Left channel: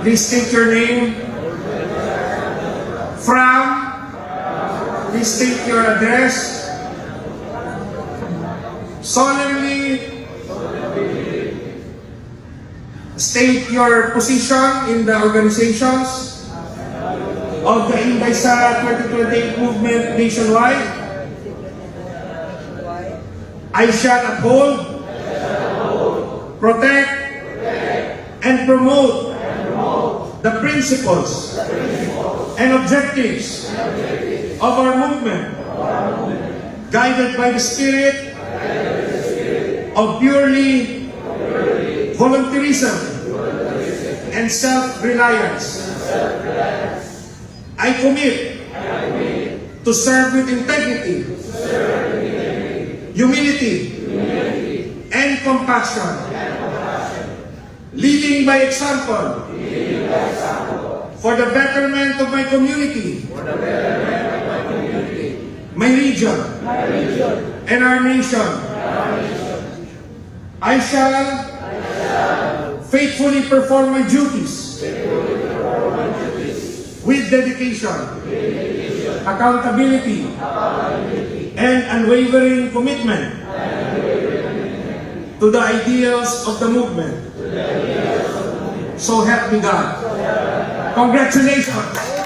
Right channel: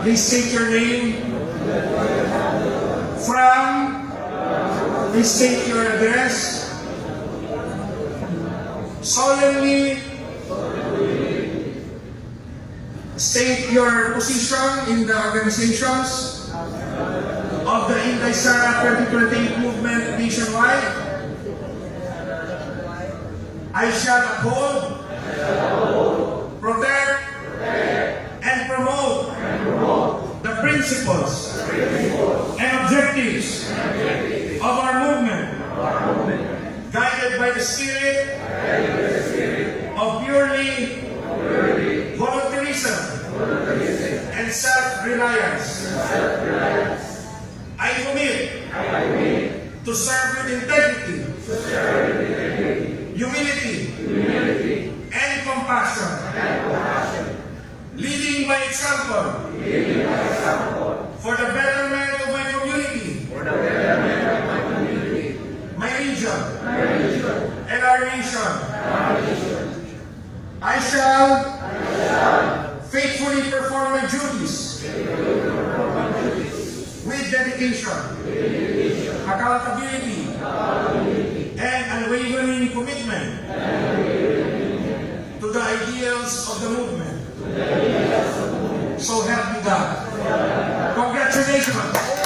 Please state your name. From. Please state your address. Solemnly state your position in the organizations of the Inday Sara 2028 movement nationwide. I shall uphold, protect, and promote the principles and objectives of our movement, guided by the spirit of purely volunteerism and self-reliance. I commit to serve with integrity, humility, and compassion, leading by example for the betterment of my community, my region, and our nation. I shall faithfully perform my duties with dedication, accountability, and unwavering commitment to the ideals of the movement. So help me God. Congratulations.